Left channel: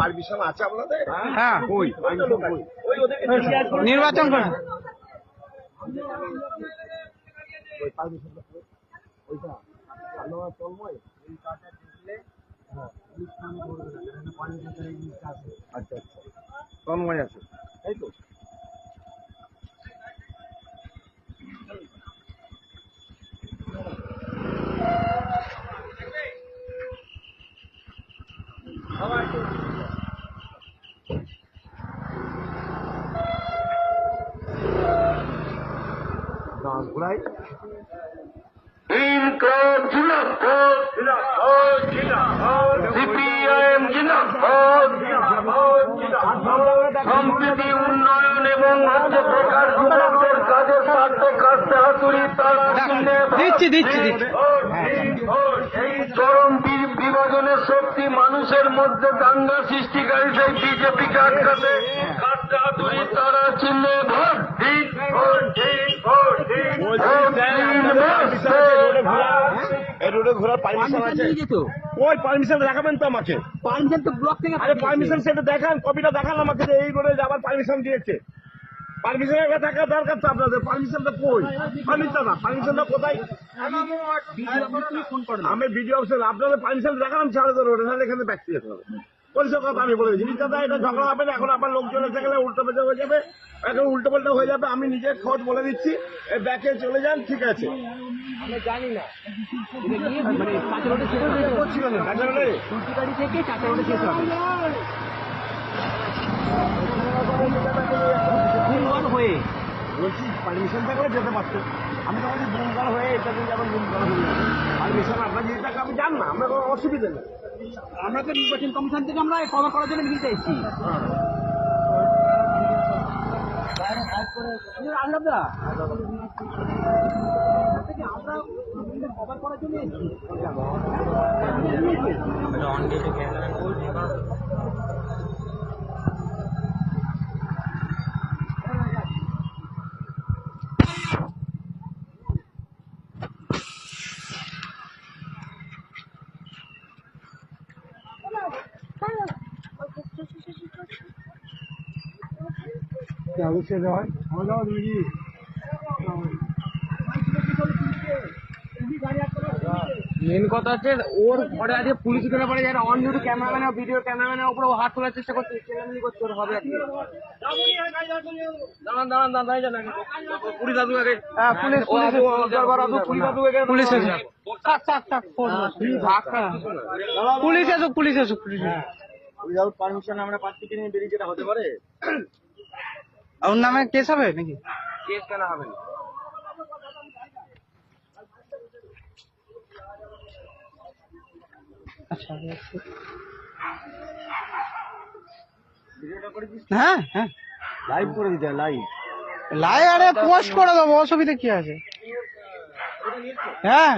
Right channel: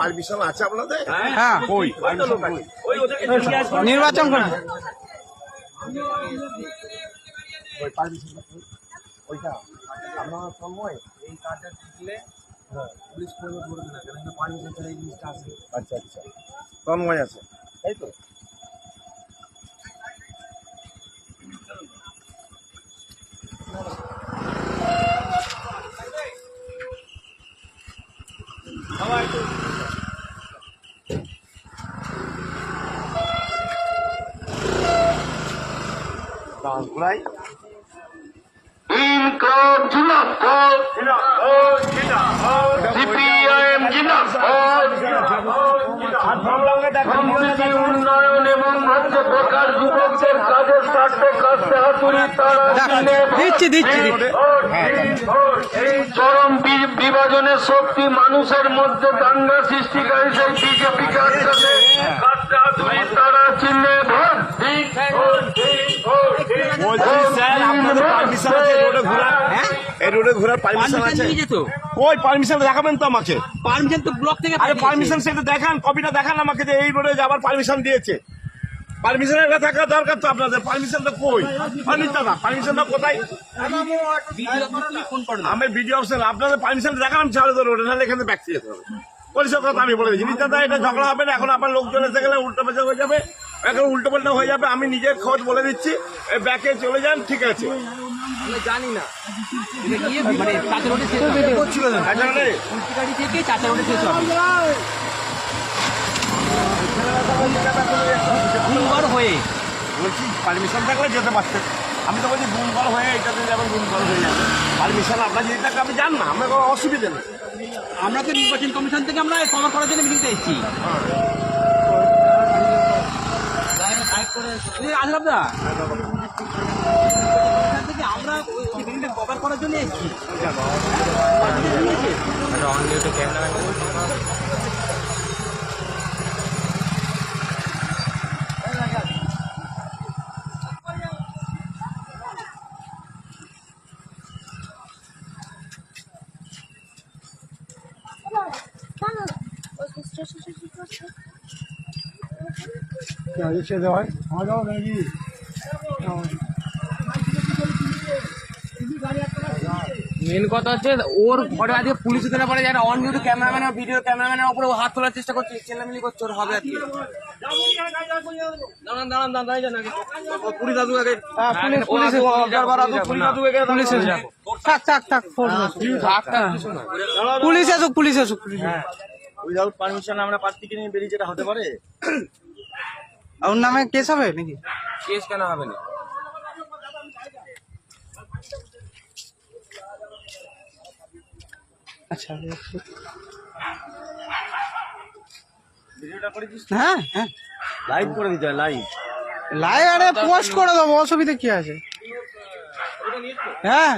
Permission আছে আপনাদের? হ্যাঁ, নির্বাচন করেন। ওইটা আপনার সময় এই কাজটা শিখলে পুলিশ কোনো ধরবে না, কারণ পারমিশন ছাড়া এই জিনিসটা আছে। আচ্ছা আচ্ছা, তন্ময় আছে তাই তো? ঘোড়াই সম্প্রীতি উন্নয়ন এবং হচ্ছে বেকার যুবকদের কাজের স্বার্থে কাজটা হাতুড়ি তারা দিচ্ছি। এই চরম বিভাজনের শক্তি মানুষের মধ্যে দাঙ্গা সৃষ্টিকারী সেই বিজেপিকে আটকাতে কাজটা হাতুড়ি তারা চিহ্নে ভোট দিন। এই রোডে ঘোরার পারমিশন আছে? কই পারমিশন দেখাবেন তো আমাকে। পারমিশন তো ব্লক থেকে পারমিশন সেটা দেখান, কপিটা দেখান আমাকে যে এই রোডে যাবার পারমিশন দিয়েছে। পারমিশনের থাকা দরকার তো আপনাদের। পারমিশনটা কই? অনিত না, পারমিশনটা কোথায়? আমি ভিডিও অপশন আপনাদের পারমিশন দেখালাম ছাড়ে তো রোডে, নাহলে এখানে ব্যাক যেতে হবে। পরিষ্কার কথা আমি বলে দিচ্ছি, নিত্যাদা এটা ঝগড়া হবে না। এখন আপনার লোকজন এসে গেলে উল্টো পাল্টা হয়ে যাবে, এখন উল্টো পাল্টা হয়ে যাবে। আমি নিজের খোঁজ বলে দিচ্ছি, ব্যাকে চলে যান, ঠিক আছে? জানি না বলছি পারমিশন থাকলে যেতে পারতেন। আমি তো বলছি দুর্বল হয়ে এটাতে যেমন দুর্বল হয়ে যাবে। পারমিশন আপনার যদি থাকে আপনি যান না, আমার কোনো অসুবিধা নেই। আমরা তো নির্বাচন কমিশন থেকে আমরা কভার করার জন্য মিটিংতে এসেছি। আমরা মিটিংটা কভার করার জন্য এসেছি। মেন কথা হচ্ছে ওর ঘরে আজকে পুলিশ ধরে পড়ে যারা অন ডিউটি ক্যামেরাম্যান ভিডিও ক্যামেরাম্যানের উপরে হাত তোলার চেষ্টা করছে, চেল্লামিলি করছে, ওর হবে আর কি। পুলিশ আসুক। উইদাউট পারমিশন আমরা প্রার্থীকে নিয়ে বেরিয়ে যেটা হতে পারে। ওর নামে কেস হবে নাকি? কেস কেন হবে না? আচ্ছা, ভিডিওটা করে দিস, হ্যাঁ হ্যাঁ, লাইভ করে দিতে হয়, লাইভ। আরে পোস্ট করে দেবো, অসুবিধা কি আছে? হ্যাঁ,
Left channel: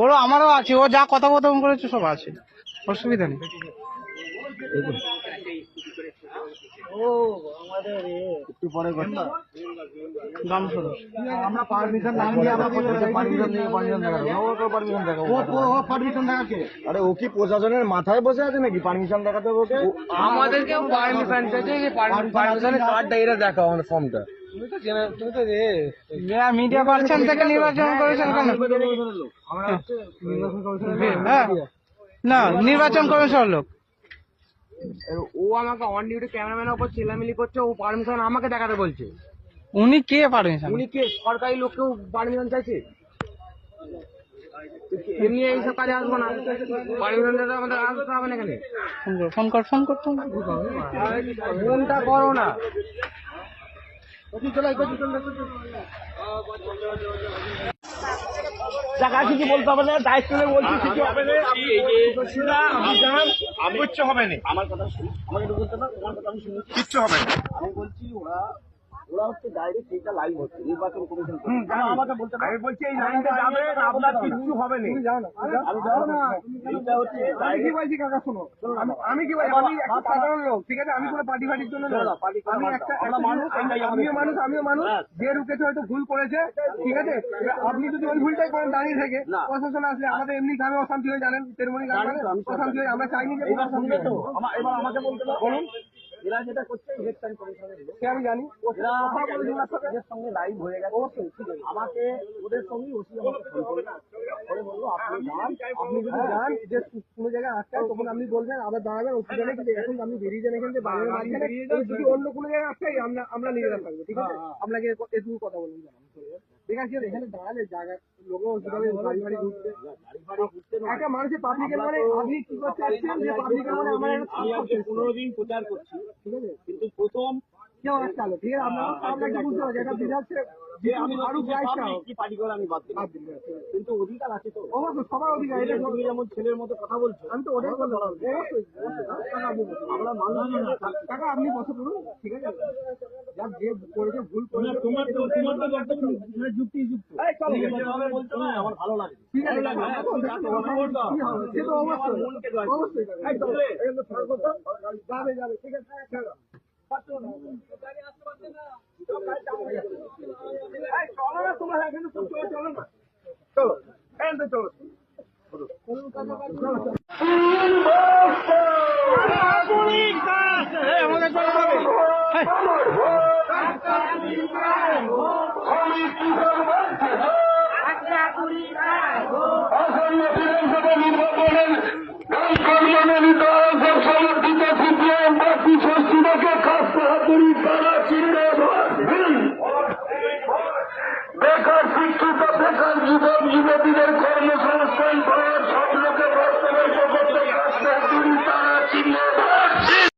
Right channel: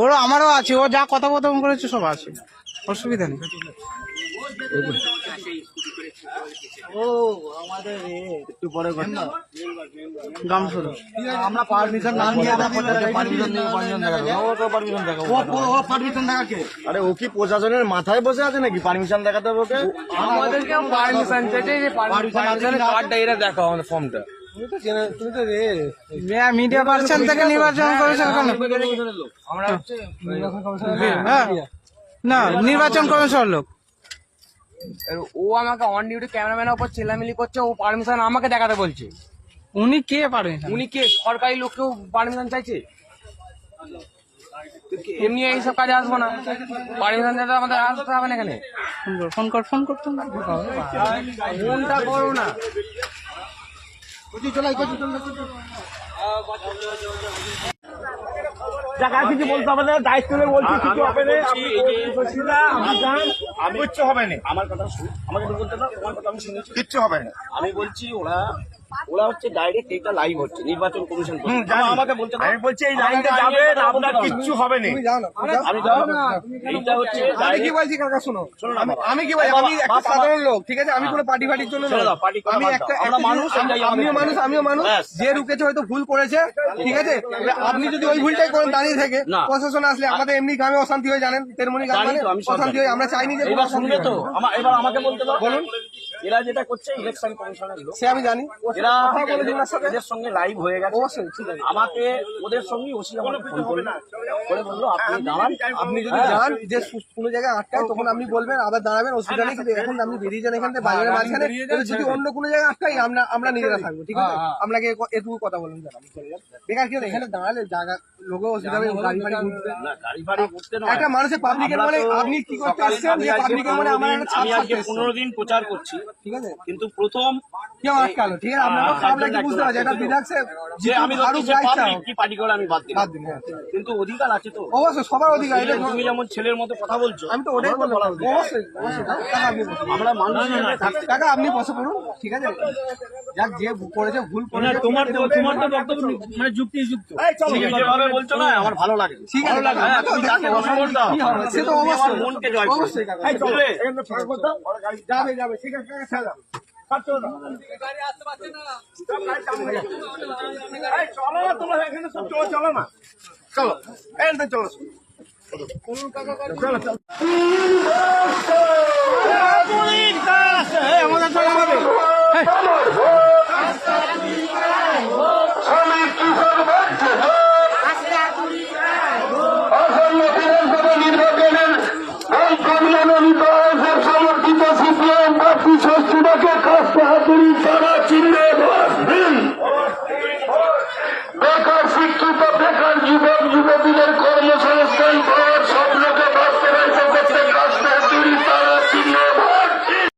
ওরও আমারও আছে, ও যা কথা করেছে সব আছে, অসুবিধা নেই। একটু পরে আমরা পারমিশন না নিয়ে আমরা পারমিশন দেখাকে। আরে ও কি প্রশাসনের মাথায় বসে আছে নাকি পারমিশন দেখাতে হবে ওকে? আমাদেরকে পারমিশন চাইছে, যে পারমিশনের কার্ডটা এরা দেখাও আমাদের ফর্মটা। মিডিয়া পার্সন থেকে নির্বাচন করেছেন আমরা হচ্ছে না, নির্বাচন করেছেন লোক। ও আমাকে অন ডিউটি ক্যামেরাম্যানের উপর চেল্লামিলি করছে, ও পারমিশন আমাকে দেখাতে বলছে। উনি কে পারমিশন? উনি কে সরকারি লোককেও পারমিশন চাইছে? এমনি এইসব কাজে আসবো না, পারমিশন চাইতে আমাদের আসতে হবে না এখানে। ফোন করতো ফোনটা করো না। টাকা কিছু বলতে হবে না, দায়িত্ব বলছি কিছু হবে না। কিচ্ছু হবে না, আমার কথা শুনুন, আমাকে বলতে না, তোমার কথা আমি শুনেছি, কিচ্ছু হবে না। আমি বলছি ওরা ওরা হচ্ছে ডাইরেক্ট এইটা লাইভ হচ্ছে নির্বাচন কমিশন থেকে। আমাকে বলতে দাও। আমি বলছি এই লাইনটা যাবে না, আপনার কিচ্ছু হবে না। আমি দাও এইটা হচ্ছে আমি কি ডাইরেক্ট বলছি কাকা শোনো, শোনো না বাবা। আমি কি বলছি, আমি একটা সাধারণ লোক, ঠিক আছে, আমি কোনো পার্টি ফাটির জন্য ছেড়ে নই। দাও, পার্টি করে আমি বাদ একটা দাও। আমরা মানুষ, এটাই আমাদের আমিও মানুষ, আমিও মানুষ। ব্যাস। যে রুকেছে হয়তো ভুল করেছে, ঠিক আছে, এবার আপনি যদি ওই ভুলটাই করেন দাঁড়িয়ে থেকে, না। প্রশাসন আসলে আমাদের এমনি গ্রামে অশান্তি হয়ে, জানেন তেরমনি জানি গ্রামে তো, আমি সব অশান্তি জানি। হয়, আমরা চাইনি যে এবার কোনো শুনবে তো এবার আমাকে বলতে দাও। বলুন। এরা যেটা করছে ইলেকশন কমিশনের লোক, সে আমি জানি, এরা কথা বলে দিন ওনার সাথে। এদের সঙ্গে লাইভ হয়ে গেছে। অবশ্যই, ঠিক আছে। আমাকে ওদের সঙ্গে ওসি আমাকে ফোন করলো করে বললো আপনি দাঁড়ান, আপনি যদি যান যে কোনো জায়গায় আটকায় তখন আপনি বলবেন, আবার দাঁড়াবেন, অসুবিধা নেই, কিন্তু এখন আপনি বেরিয়ে যান এখান থেকে বাজারের মাঝখানে। এবার যদি অন্য কোনো জায়গায় আটকাই আমরা নিজেরা থাকবো, ঠিক আছে, আপনাকে এটুকু কথা বলুন, বেকার কি হলো, এখানে দাঁড়ালে জায়গা লোকের অসুবিধা হবে, গাড়ি ফাড়ি ঘুরবে। না, গাড়ি ফাড়ি করতে নয়। একটা মানুষের পাবলিকের আমরা মানে তো আপনি কি করতে সকাল- এসছেন, আমি যে আজকে পাবলিকের মানে 15 আমার দিন- একটা আমি ছাপ আজকে থাকতে এসছেন। 15 দিন প্রচার করছি, ঠিক আছে, কিন্তু প্রথম কেউ আটকালো, ঠিক আছে, আপনারা আপনাকে বুঝতে পারছি, এটা বিধানসে যে আমি ধরছি সে পাবলিক কি পার্টি করে আমি বাদ দিলাম, বাদ দিন, হ্যাঁ, ঠিক আছে। কিন্তু অধিকার আছে তো। অবশ্যই সবার অধিকার, এটা তুমি যেমন ছেলের মতো কথা বলছো, আমি তো ওটাই আমারও বললাম, বলার অধিকার। অবশ্যই অবশ্যই। কাকা, আপনি বসুন। আমরা মানুষ হিসেবে থাকতে কাকা আপনি বসে পড়ুন, ঠিক আছে, যাক যে করেছে ভুল করেছে, তোমার তো বক্তব্য মানে যুক্তিযুক্ত। তুমি যেভাবে বলছো না আমার ভালো লাগে। ঠিক আছে, কাকা, হ্যাঁ, তুমি যাকে অসম্মান দাও, কি হবে, সে তো তুমি আমার অবশ্যই মনকে জয় করো। অবশ্যই কাকা, বুঝলে? যাবে যাবে, ঠিক আছে কাকা, ছেড়ে দাও। চলো না, তোমরা এখানে সব চলো না, চলো এখান থেকে চলো। আমার ভোট